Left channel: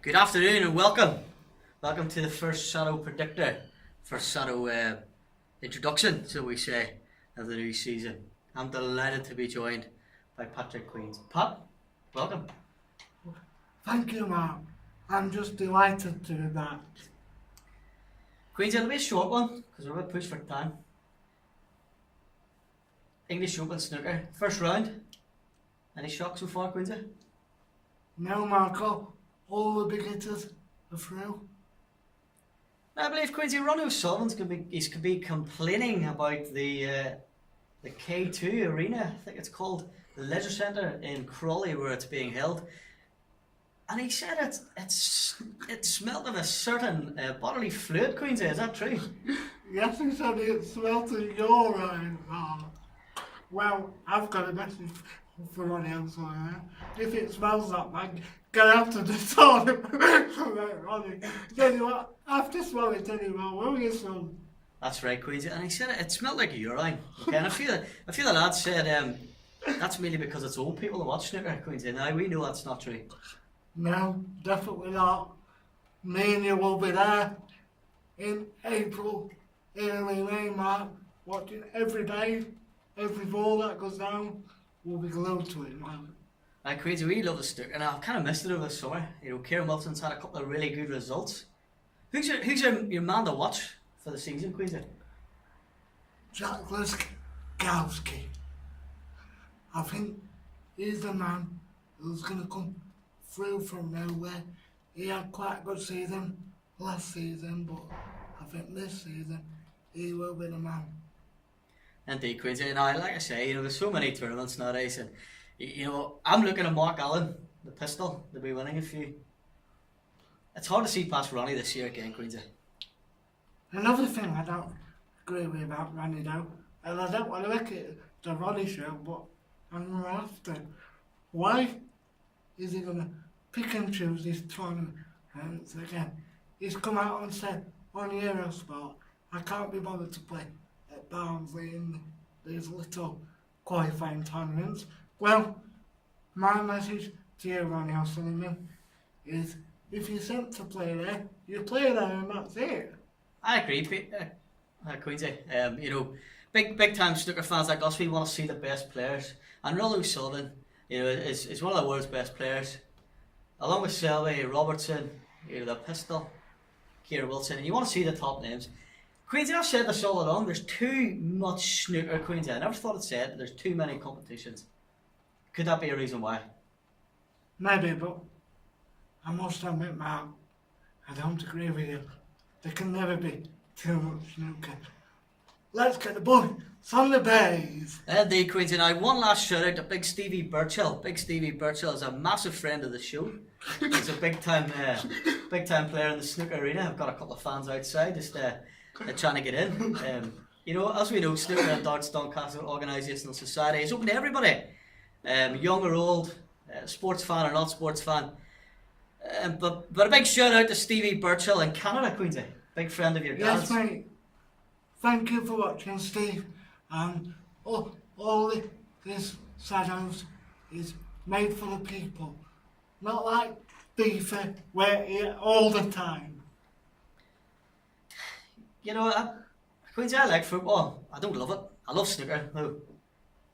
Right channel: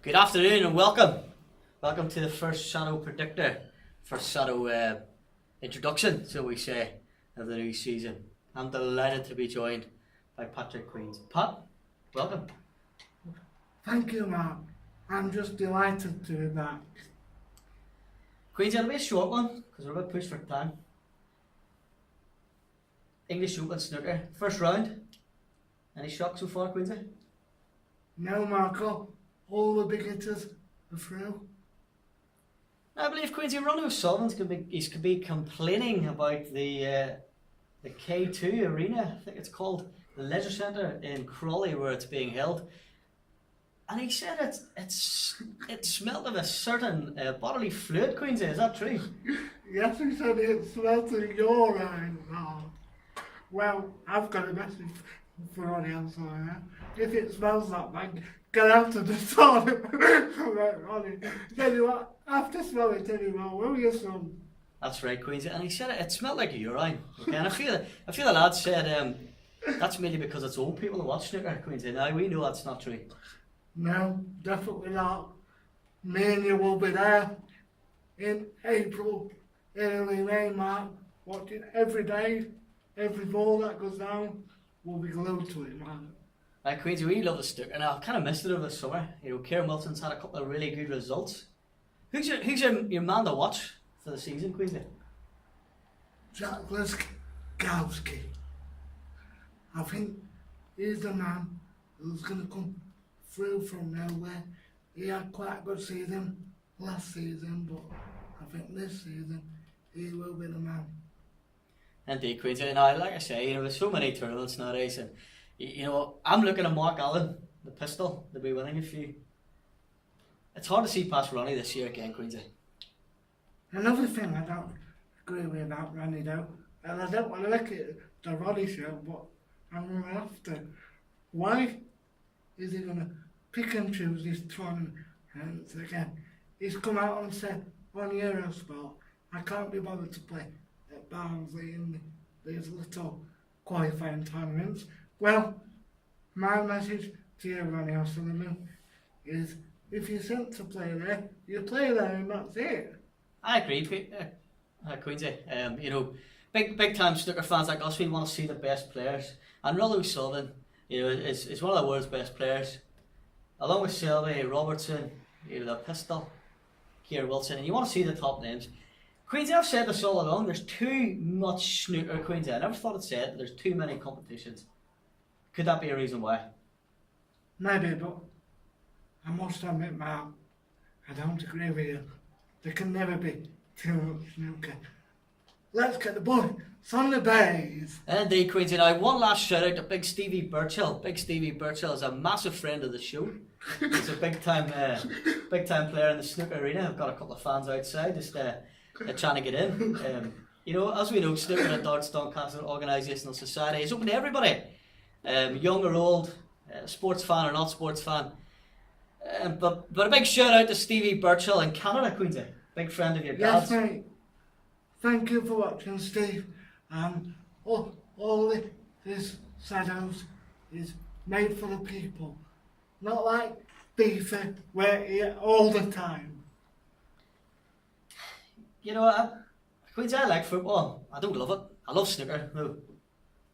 Good afternoon and welcome. Welcome to the first SADDO predictor, first SADDO introduction, so we say, of the new season. I'm delighted to be joined by Patrick Queens. Pat, welcome. Thank you, Mark. I'm just delighted to be back. Queens, it'll be a short one because we're about pushed for time. English Open snooker, first round. Any shock so far, Queensy? No, Marco, all the big hitters are through. I believe Queensy Ronnie O'Sullivan's could be complaining about the K2 arena. I think it's called the Leisure Centre in Crawley, where it's being held. And he said it smelled of a certain bodily fluid, Queensy. Is that true? Yes, he said it smelt of urine. Oh. Well, I've got a message for Ronnie O'Sullivan. If it smells that bad, get out of the toilet. Ronnie, tell you what, after smell it anymore, will you, son? That's right, Queensy. And he said it smelled like urine. Okay, and I feel the lad said that's mainly because it's old people who watch snooker, Queensy. Now we know that's not true. No, definitely not. Me and you will be there in April, early May, Mark, watching every day, every ball that goes down. We'll be glued to it, man. Right, Queensy, we love the snooker, and I've kind of missed it over the summer. You know, Kieran Wilson's had a couple of really good results. Who's your man to watch for the season, Queensy? Jack Liskowski. I think he's the man who's going to come through from nowhere. He had quite a good season last season, but I think this season he will be the man. Indeed, Queensy. Now, like I say, you know, there's so many tournaments nowadays, and you know, I'm looking at Mark Allen, the pistol, to be winning a few. It's hard to see past Ronnie this year again, Queensy. Another thing I don't agree with about Ronnie though, and I don't want to make it the Ronnie show, but I'm going to have to. Why is he going to pick and choose his tournaments again? He's come out and said on Eurosport, I can't be bothered to play at Barnsley in these little qualifying tournaments. Well, my message to you, Ronnie O'Sullivan, is if you're sent to play there, you play there and that's it. I agree, Queensy. You know, big time snooker fans like us, we want to see the best players. And Ronnie O'Sullivan, you know, is one of the world's best players. Along with Selby, Robertson, you know, the pistol, Kieran Wilson, and you want to see the top names. Queensy, I've said this all along, there's too much snooker, Queensy. I never thought I'd say it, there's too many competitions. Could that be a reason why? Maybe, but I must admit, Mark, I don't agree with you. There can never be too much snooker. Let's get the boys on the base. Indeed, Queensy. Now, one last shout out to Big Stevie Birchall. Big Stevie Birchall is a massive friend of the show. He's a big time player in the snooker arena. I've got a couple of fans outside just trying to get in. You know, as we know, Snooker and Darts Doncaster Organisational Society is open to everybody, young or old, sports fan or not sports fan. But a big shout out to Stevie Birchall in Canada, Queensy. Big friend of your dad's. Yes, mate. Thank you for watching, Steve. And all this SADDOS is made for the people. Not like FIFA, where you're all the time. You know, Queensy, I like football. I don't love it. I love snooker, though.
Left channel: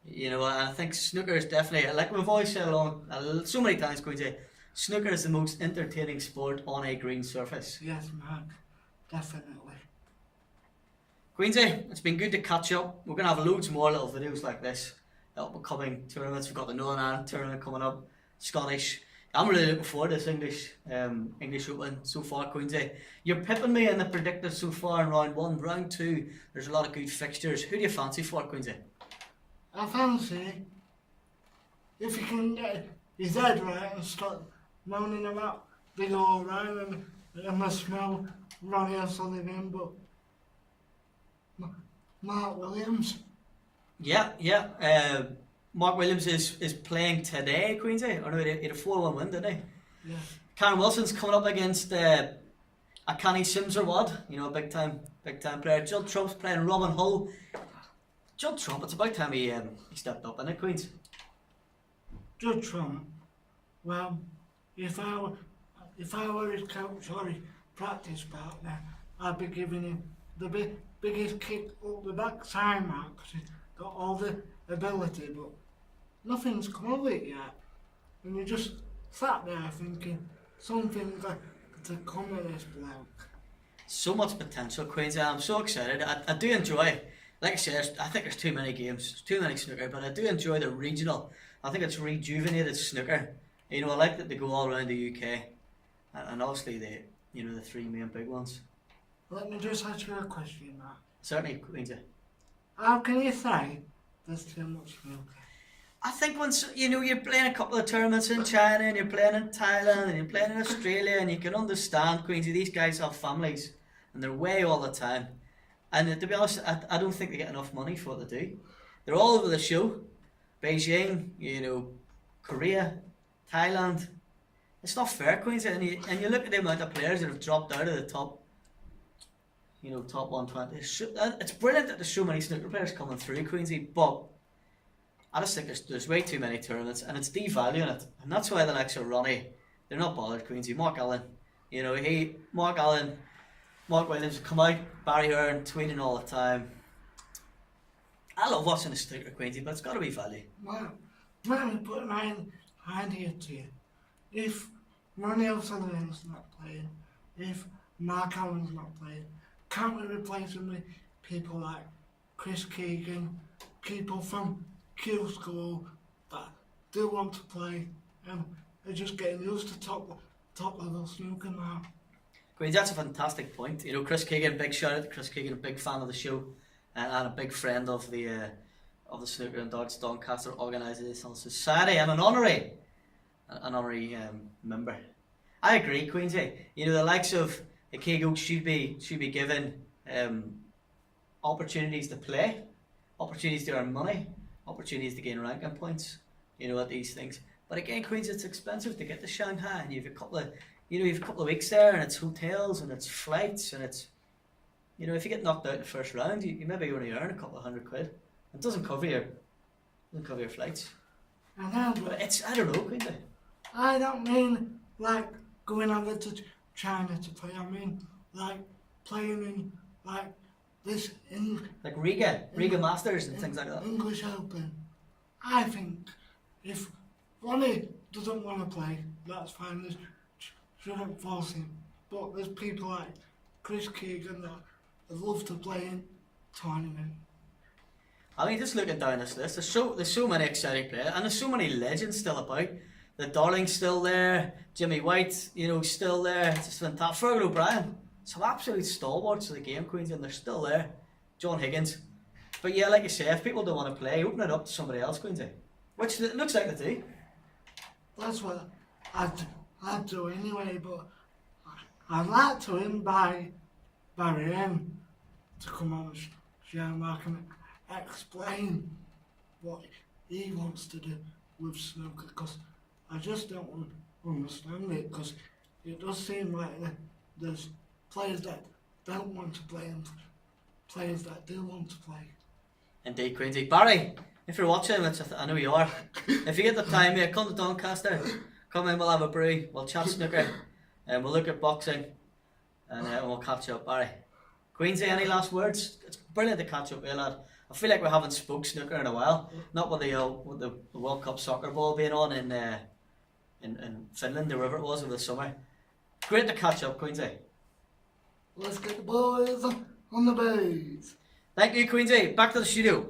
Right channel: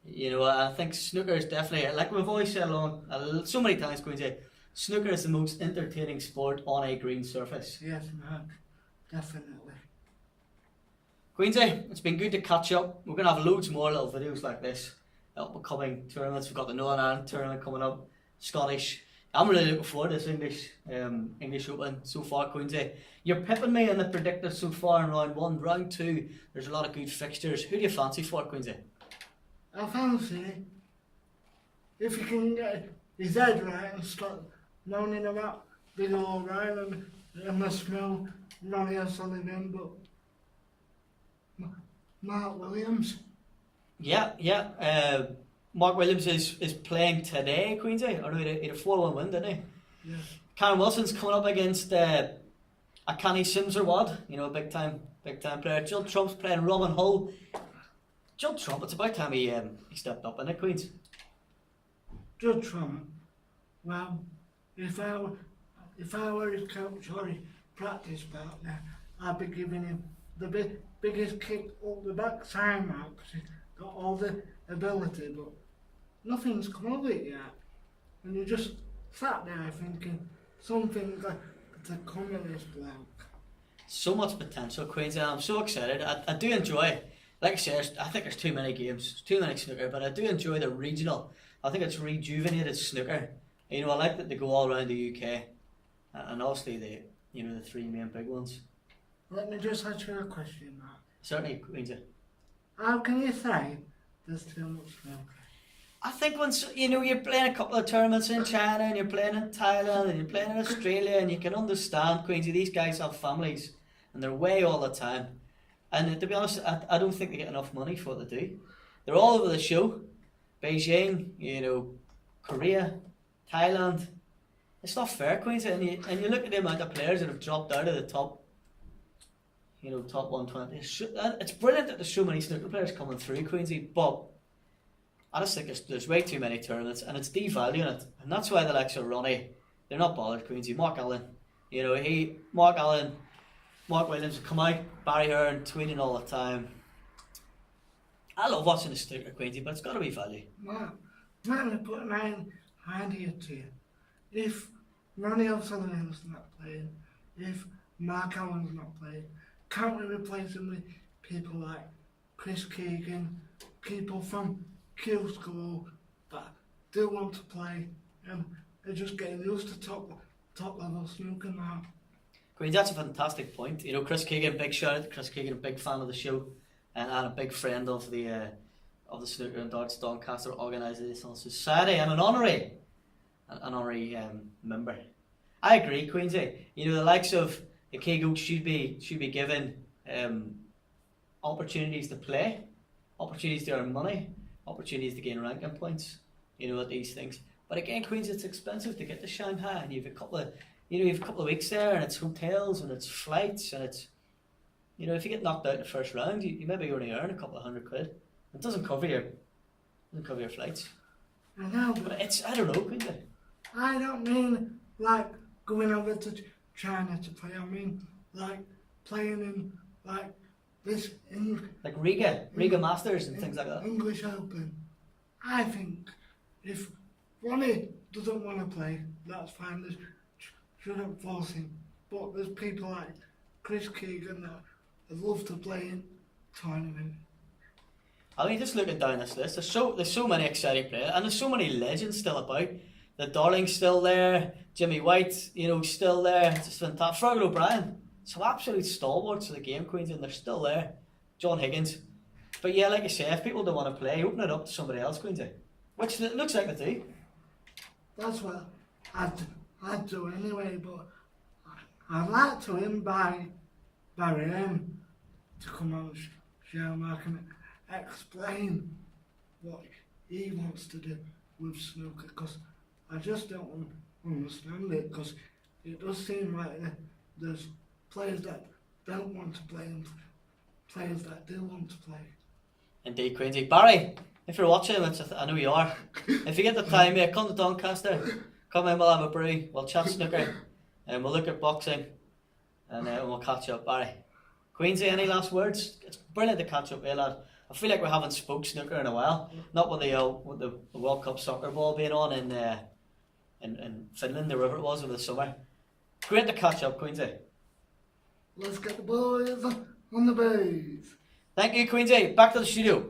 You know, I think snooker is definitely, like we've always said along so many times, Queensy, snooker is the most entertaining sport on a green surface. Yes, Mark. Definitely. Queensy, it's been good to catch up. We're going to have loads more little videos like this at upcoming tournaments. We've got the Northern Ireland tournament coming up, Scottish. I'm really looking forward to this English Open so far, Queensy. You're pipping me in the predictors so far in round one. Round two, there's a lot of good fixtures. Who do you fancy for, Queensy? I fancy if you can get his head right and stop moaning about Big O'Reilly and the smell Ronnie O'Sullivan, but Mark Williams. Yeah. Mark Williams is playing today, Queensy. Or no, he had a 4-1 win, didn't he? Yeah. Karen Wilson's coming up against Akani Sims or what? You know, big time player. Judd Trump's playing Robin Hull. Judd Trump, it's about time he stepped up, isn't it, Queens? Judd Trump, well, if if I were his coach or his practice partner, I'd be giving him the biggest kick up the backside mark because he's got all the ability, but nothing's come of it yet. And you just sat there thinking something's got to come of this bloke. So much potential, Queensy. I'm so excited. I do enjoy, like I said, I think there's too many games, too many snooker, but I do enjoy the regional. I think it's rejuvenated snooker. You know, I like that they go all around the UK, and obviously the three main big ones. Let me just ask you a question, Matt. Certainly, Queensy. How can you say there's too much snooker? I think once you're playing a couple of tournaments in China and you're playing in Thailand and you're playing in Australia, and you can understand, Queensy, these guys have families and they're away all the time. And to be honest, I don't think they get enough money for what they do. They're all over the show. Beijing, Korea, Thailand. It's not fair, Queensy. And you look at the amount of players that have dropped out of the top 120. It's brilliant that there's so many snooker players coming through, Queensy, but I just think there's way too many tournaments and it's devaluing it. And that's why the likes of Ronnie, they're not bothered, Queensy. Mark Allen, Mark Williams come out, Barry Hearn tweeting all the time. I love watching the snooker, Queensy, but it's got to be value. Well, let me put an idea to you. If Ronnie O'Sullivan's not playing, if Mark Allen's not playing, can't we replace him with people like Chris Keegan, people from Q School that do want to play and are just getting used to top level snooker now? Queens, that's a fantastic point. Chris Keegan, big shout out to Chris Keegan, a big fan of the show and a big friend of the Snooker and Darts Doncaster Organisational Society and an honorary member. I agree, Queensy. The likes of the Kegos should be given opportunities to play, opportunities to earn money, opportunities to gain ranking points, at these things. But again, Queens, it's expensive to get to Shanghai, and you've a couple of weeks there, and it's hotels and it's flights, and it's, if you get knocked out in the first round, you maybe only earn a couple of £100. It doesn't cover your flights. I know, but I don't know, Queens. I don't mean like going over to China to play. I mean like playing in like this like Riga Masters and things like that. English Open. I think if Ronnie doesn't want to play, that's fine. They shouldn't force him. But there's people like Chris Keegan that would love to play in tournament. I mean, just looking down this list, there's so many exciting players, and there's so many legends still about. The Darling's still there, Jimmy White, still there. It's just fantastic. Fergal O'Brien, some absolute stalwarts of the game, Queens, and they're still there. John Higgins. But yeah, like you say, if people don't want to play, open it up to somebody else, Queensy. Which it looks like they do. That's what I'd do anyway, but I'd like to invite Barry N to come on the show, Mark, and explain what he wants to do with snooker, because I just don't understand it, because it does seem like there's players that don't want to play and players that do want to play. Indeed, Queensy. Barry, if you're watching, which I know you are, if you get the time, mate, come to Doncaster, come in, we'll have a brew, we'll chat snooker, and we'll look at boxing, and we'll catch up. Barry, Queensy, any last words? It's brilliant to catch up with you, lad. I feel like we haven't spoke snooker in a while, not with the World Cup soccer ball being on in Finland, or wherever it was over the summer. Great to catch up, Queensy. Let's get the boys on the base. Thank you, Queensy. Back to the studio.